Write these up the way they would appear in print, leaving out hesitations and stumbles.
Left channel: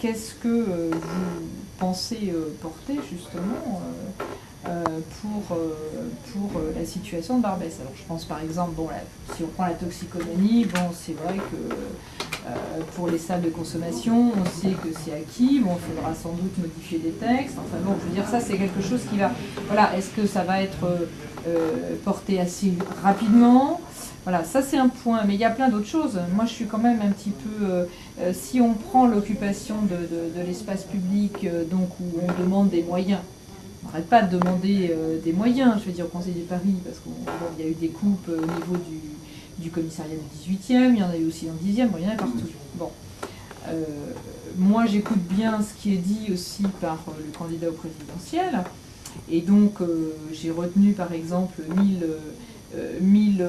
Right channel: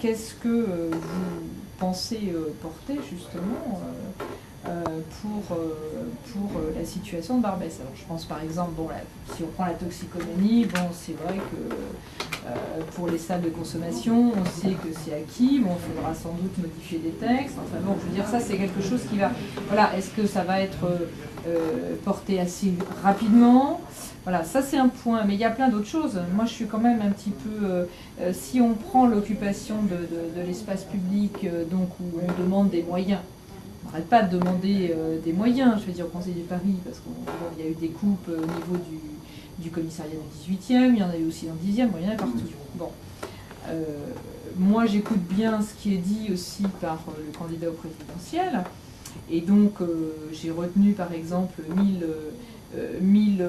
qu'est-ce que vous pensez porter justement pour la situation de Barbès? Alors je pense par exemple, bon, là, si on prend la toxicomanie, bon, c'est vrai que pour les salles de consommation, on sait que c'est acquis, bon, il faudra sans doute modifier des textes, enfin bon, je veux dire, ça c'est quelque chose qui va, voilà, est-ce que ça va être porté assez rapidement? Voilà, ça c'est un point, mais il y a plein d'autres choses. Moi je suis quand même un petit peu, si on prend l'occupation de l'espace public, donc où on demande des moyens, on n'arrête pas de demander des moyens, je veux dire, au Conseil de Paris, parce qu'il y a eu des coupes au niveau du commissariat du 18e, il y en a eu aussi dans le 10e, bon, il y en a partout. Bon. Moi, j'écoute bien ce qui est dit aussi par le candidat au présidentiel, et donc j'ai retenu par exemple 1000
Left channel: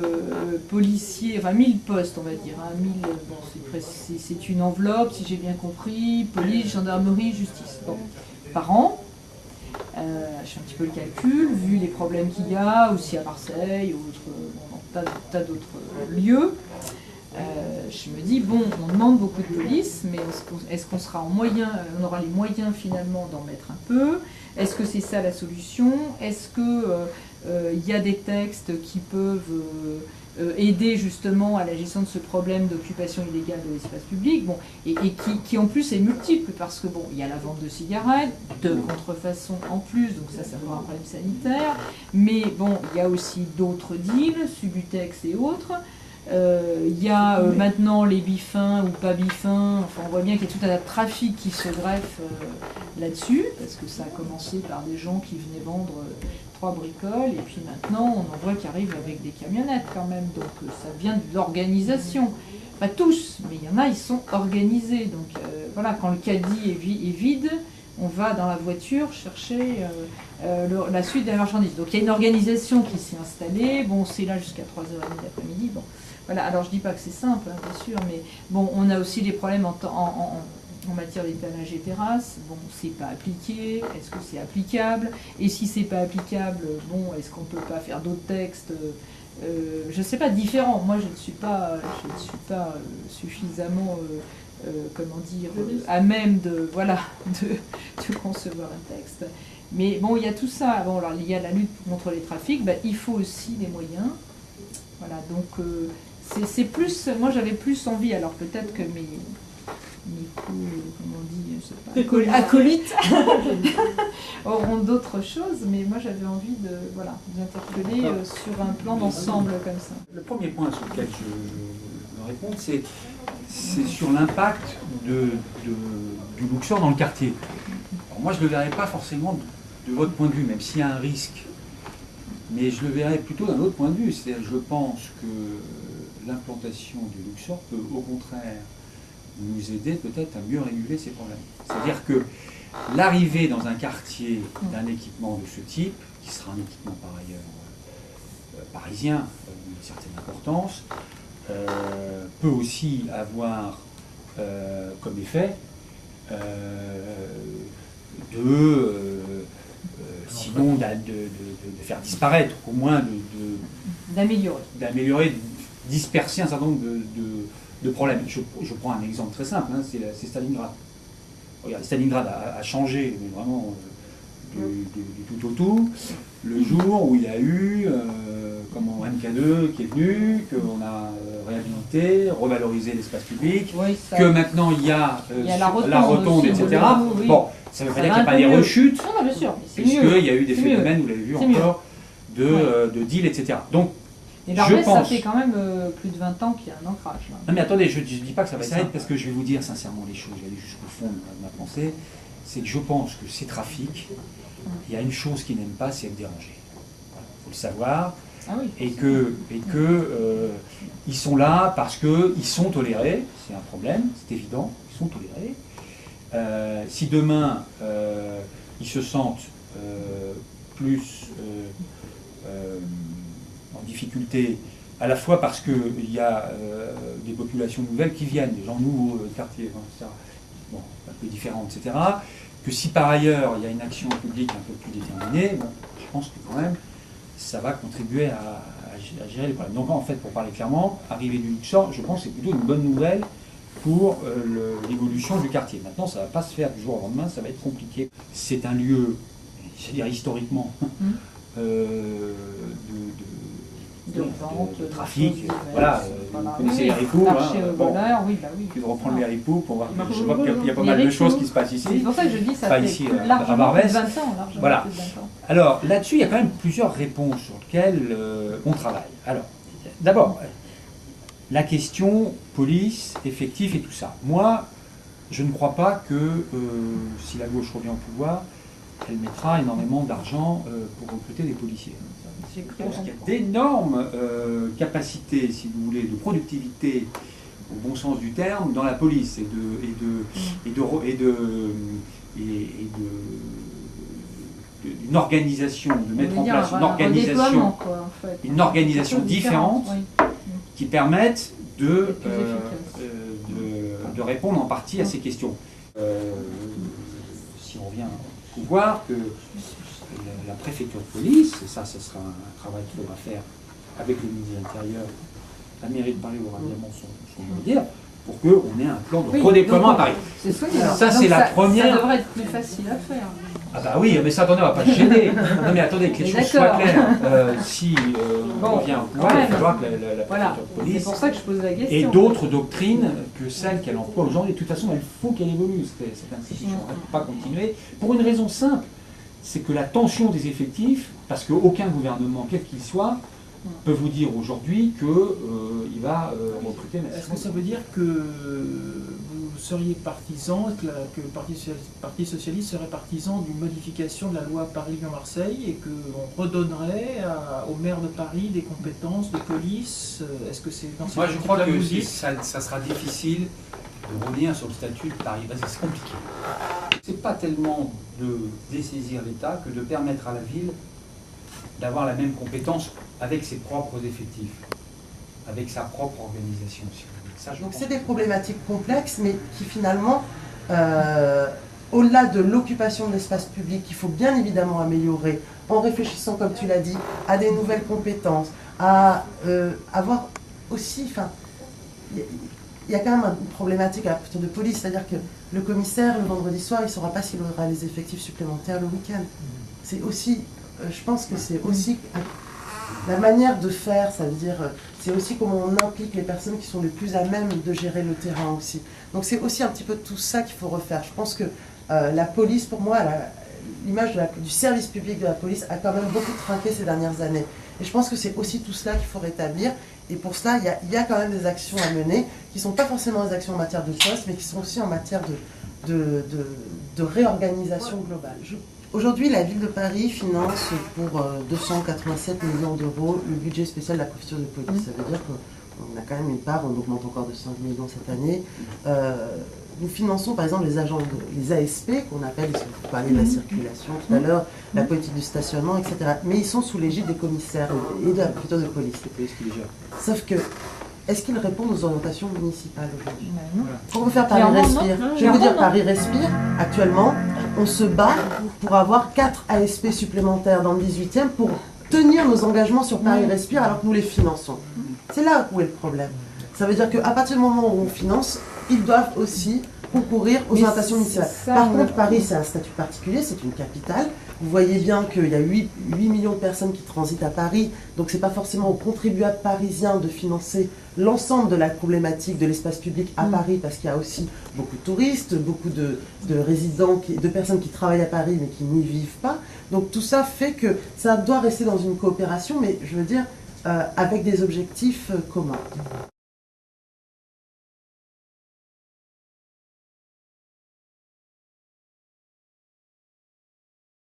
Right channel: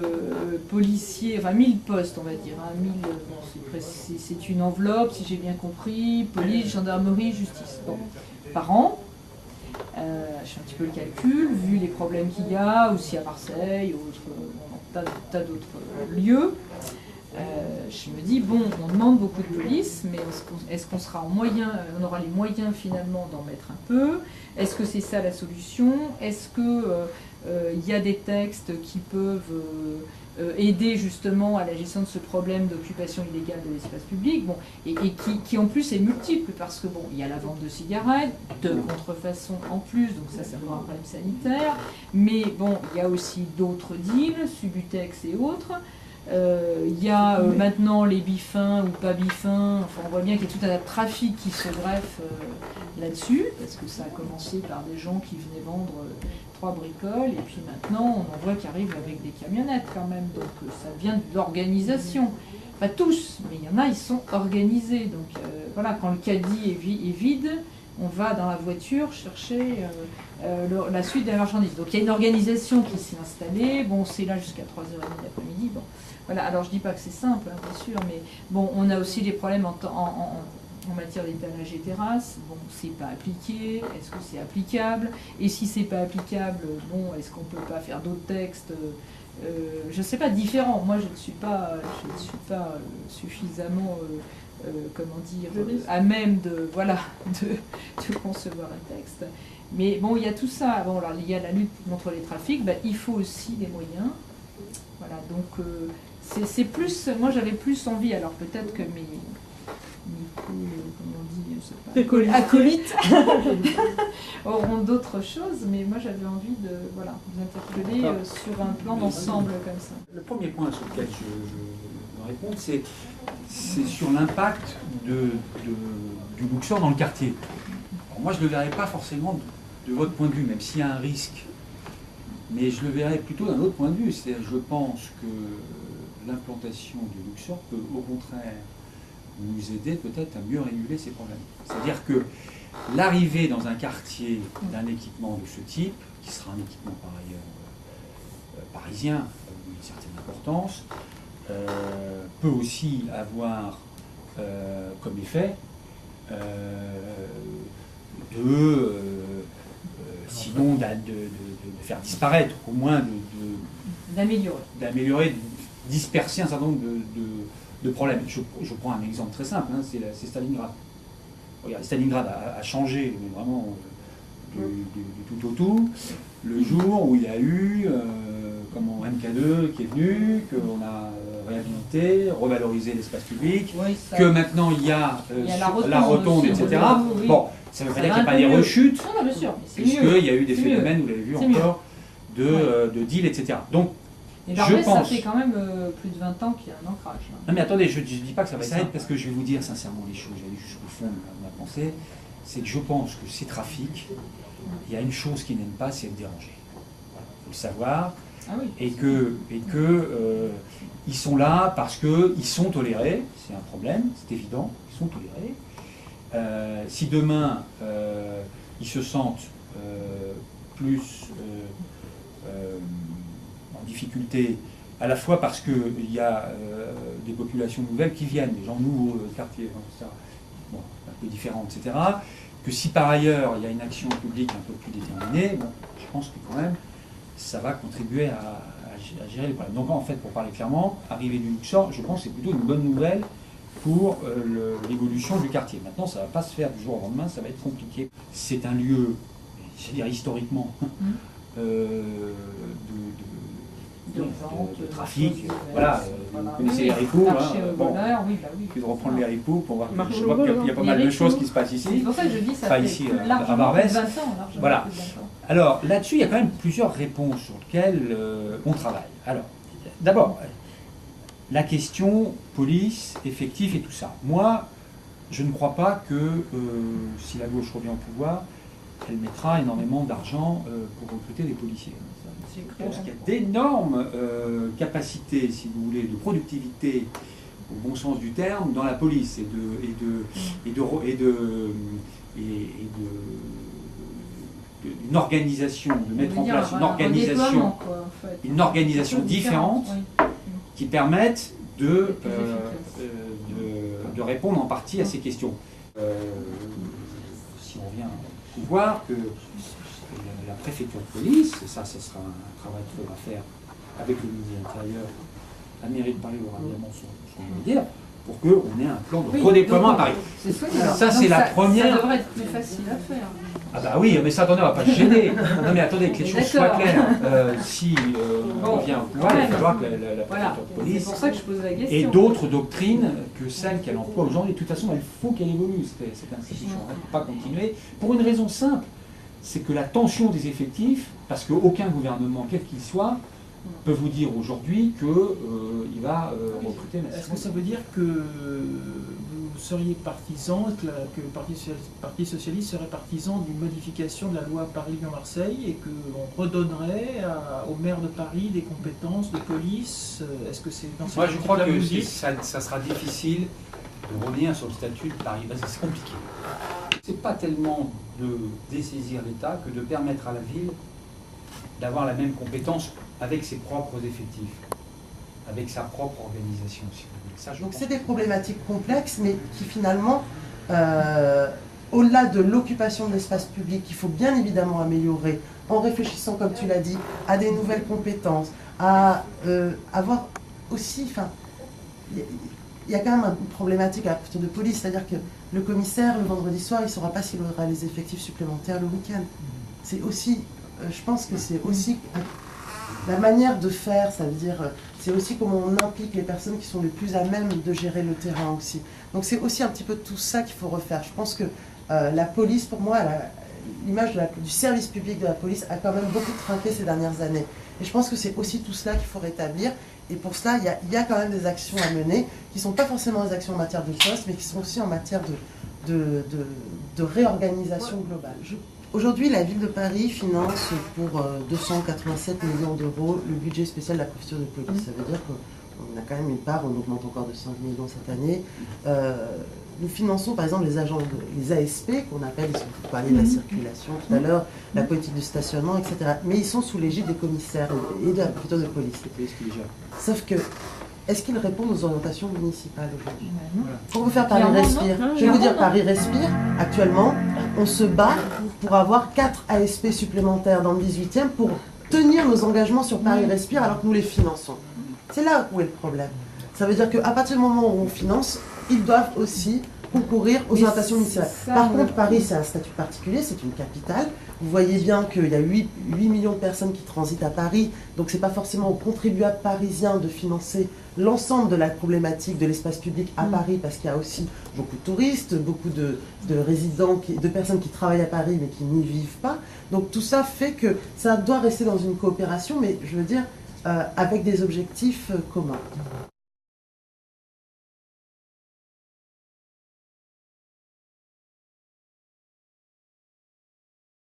policiers, enfin 1000 postes, on va dire, hein, 1000, bon, c'est une enveloppe, si j'ai bien compris, police, gendarmerie, justice, bon, par an. Je fais un petit peu le calcul, vu les problèmes qu'il y a, aussi à Marseille, ou dans tas d'autres lieux. Je me dis, bon, on demande beaucoup de police, mais est-ce qu'on sera on aura les moyens finalement d'en mettre un peu? Est-ce que c'est ça la solution? Est-ce qu'il y a des textes qui peuvent aider justement à la gestion de ce problème d'occupation illégale de l'espace public, bon, et qui en plus est multiple, parce que bon, il y a la vente de cigarettes, de contrefaçon en plus, donc ça c'est un problème sanitaire, mais bon, il y a aussi d'autres deals, Subutex et autres. Il y a maintenant les bifins ou pas bifins, enfin on voit bien qu'il y a tout un tas de trafic qui se greffe là-dessus, parce que ça a commencé par des gens qui venaient vendre 3 bricoles, et puis maintenant on en voit qui arrivent avec des camionnettes quand même, donc ça vient de l'organisation. Pas tous, mais il y en a, ils sont organisés, donc voilà, quand le caddie est vide, on va dans la voiture chercher la suite de la marchandise. Donc il y a une organisation qui s'est installée, bon c'est là jusqu'à 3h30 l'après-midi, bon. Voilà, alors je dis pas que c'est simple, hein, bien sûr, mais bon, on a aussi des problèmes en matière d'étalage et terrasse. Bon, c'est pas appliqué, est-ce que c'est applicable? Et si c'est pas applicable, bon, est-ce qu'on peut pas faire d'autres textes je sais pas, différents. Moi, je ne suis pas suffisamment, comment dire, à même de concevoir un texte. Mais bon, il y a tout ça. Bon, alors il y a la lutte contre les trafics, ben, il faut aussi des moyens. Voilà, donc c'est plus, moi j'avais plus envie, alors peut-être que mes comment on dit, je sais pas, acolytes auront d'autres choses, mais moi j'avais envie de vous interpeller sur un plan d'ensemble comme ça. Le premier point sur lequel je veux répondre, c'est sur l'impact du Luxor dans le quartier. Alors moi je ne le verrais pas forcément de votre point de vue, même s'il y a un risque. Mais je le verrais plutôt d'un autre point de vue. C'est-à-dire, je pense que l'implantation du Luxor peut au contraire nous aider peut-être à mieux réguler ces problèmes. C'est-à-dire que l'arrivée dans un quartier d'un équipement de ce type, qui sera un équipement par ailleurs parisien d'une certaine importance, peut aussi avoir comme effet sinon de faire disparaître, au moins d'améliorer, disperser un certain nombre de problèmes. Je prends un exemple très simple, hein, c'est Stalingrad. Regardez, Stalingrad a changé, mais vraiment du tout au tout, le jour où il y a eu MK2 qui est venu, qu'on a réhabilité, revalorisé l'espace public, oui, que maintenant il y a la rotonde, etc. Oui. Bon, ça ne veut pas dire qu'il n'y a pas des rechutes, non, bien sûr, puisqu'il y a eu des phénomènes, vous l'avez vu encore, de deal, etc. Donc, et Barbès, ça fait quand même plus de 20 ans qu'il y a un ancrage. Là. Non mais attendez, je ne dis pas que ça va s'arrêter, parce que je vais vous dire sincèrement les choses, j'allais jusqu'au fond de ma pensée, c'est que je pense que ces trafics, il y a une chose qu'ils n'aiment pas, c'est être dérangés. Voilà, il faut le savoir. Ah oui, et que ils sont là parce qu'ils sont tolérés, c'est un problème, c'est évident, ils sont tolérés. Si demain ils se sentent plus en difficulté, à la fois parce qu'il y a des populations nouvelles qui viennent, des gens nouveaux de quartier, bon, un peu différents, etc., que si par ailleurs il y a une action publique un peu plus déterminée, bon, je pense que quand même ça va contribuer à gérer les problèmes. Donc en fait, pour parler clairement, arriver du Luxor, je pense que c'est plutôt une bonne nouvelle pour l'évolution du quartier. Maintenant, ça ne va pas se faire du jour au lendemain, ça va être compliqué. C'est un lieu, c'est-à-dire historiquement, de trafic. Voilà, vous connaissez les haricots. Puis de reprendre les haricots pour voir. Je vois qu'il y a pas mal de choses qui se passent ici. C'est pour ça que je dis ça pas fait ici, largement plus de 20 ans. Voilà. Alors là-dessus, il y a quand même plusieurs réponses sur lesquelles on travaille. Alors, d'abord, la question police, effectif et tout ça. Moi, je ne crois pas que si la gauche revient au pouvoir, elle mettra énormément d'argent pour recruter des policiers. Je pense qu'il y a d'énormes capacités, si vous voulez, de productivité, au bon sens du terme, dans la police d'une organisation, de mettre en place une organisation différente qui permette de répondre en partie à ces questions. Si on revient au pouvoir, que la préfecture de police, et ça sera un travail qu'il faudra faire avec le ministre de l'Intérieur, la mairie de Paris aura évidemment son mot à dire, pour qu'on ait un plan de redéploiement à Paris. Ça, c'est la première. Ça devrait être plus facile à faire. Ah bah oui, mais ça, attendez, on ne va pas se gêner. Non mais attendez, que les choses soient claires. Si on revient au pouvoir, il va falloir que la préfecture de police c'est pour ça que je pose la question. et d'autres doctrines que celles qu'elle emploie aujourd'hui. De toute façon, il faut qu'elle évolue, cette institution. Elle ne peut pas continuer. Pour une raison simple, c'est que la tension des effectifs, parce qu'aucun gouvernement, quel qu'il soit, peut vous dire aujourd'hui qu'il va recruter massivement. Est-ce que ça veut dire que vous seriez partisan, que le Parti socialiste serait partisan d'une modification de la loi Paris-Lyon-Marseille et qu'on redonnerait au maire de Paris des compétences de police? Est-ce que c'est dans cette Moi, je crois que musique ça sera difficile de revenir sur le statut de Paris. C'est compliqué. C'est pas tellement de dessaisir l'État que de permettre à la ville d'avoir la même compétence avec ses propres effectifs, avec sa propre organisation. Donc c'est des problématiques complexes, mais qui finalement, au-delà de l'occupation de l'espace public, qu'il faut bien évidemment améliorer, en réfléchissant, comme tu l'as dit, à des nouvelles compétences, à avoir aussi, enfin, il y a quand même une problématique à la préfecture de police, c'est-à-dire que le commissaire, le vendredi soir, il ne saura pas s'il aura les effectifs supplémentaires le week-end. C'est aussi, je pense que c'est aussi la manière de faire, ça veut dire, c'est aussi comment on implique les personnes qui sont les plus à même de gérer le terrain aussi. Donc c'est aussi un petit peu tout ça qu'il faut refaire. Je pense que la police, pour moi, l'image du service public de la police a quand même beaucoup trinqué ces dernières années. Et je pense que c'est aussi tout cela qu'il faut rétablir. Et pour cela, il y a quand même des actions à mener, qui ne sont pas forcément des actions en matière de poste, mais qui sont aussi en matière de réorganisation globale. Aujourd'hui, la ville de Paris finance pour 287 millions d'euros le budget spécial de la préfecture de police. Ça veut dire qu'on a quand même une part, on augmente encore de 5 millions cette année. Nous finançons par exemple les agents, les ASP, qu'on appelle, vous parliez de la circulation tout à l'heure, la politique du stationnement, etc. Mais ils sont sous l'égide des commissaires et de la préfecture de police. Sauf que, est-ce qu'ils répondent aux orientations municipales aujourd'hui? Pour vous faire Paris Respire, je vais vous dire, Paris Respire, actuellement, on se bat pour avoir 4 ASP supplémentaires dans le 18e pour tenir nos engagements sur Paris Respire alors que nous les finançons. C'est là où est le problème. Ça veut dire qu'à partir du moment où on finance, ils doivent aussi concourir aux orientations municipales. Par contre, Paris, c'est un statut particulier, c'est une capitale. Vous voyez bien qu'il y a 8 millions de personnes qui transitent à Paris, donc ce n'est pas forcément aux contribuables parisiens de financer l'ensemble de la problématique de l'espace public à Paris, parce qu'il y a aussi beaucoup de touristes, beaucoup de résidents, de personnes qui travaillent à Paris mais qui n'y vivent pas. Donc tout ça fait que ça doit rester dans une coopération, mais je veux dire, avec des objectifs communs.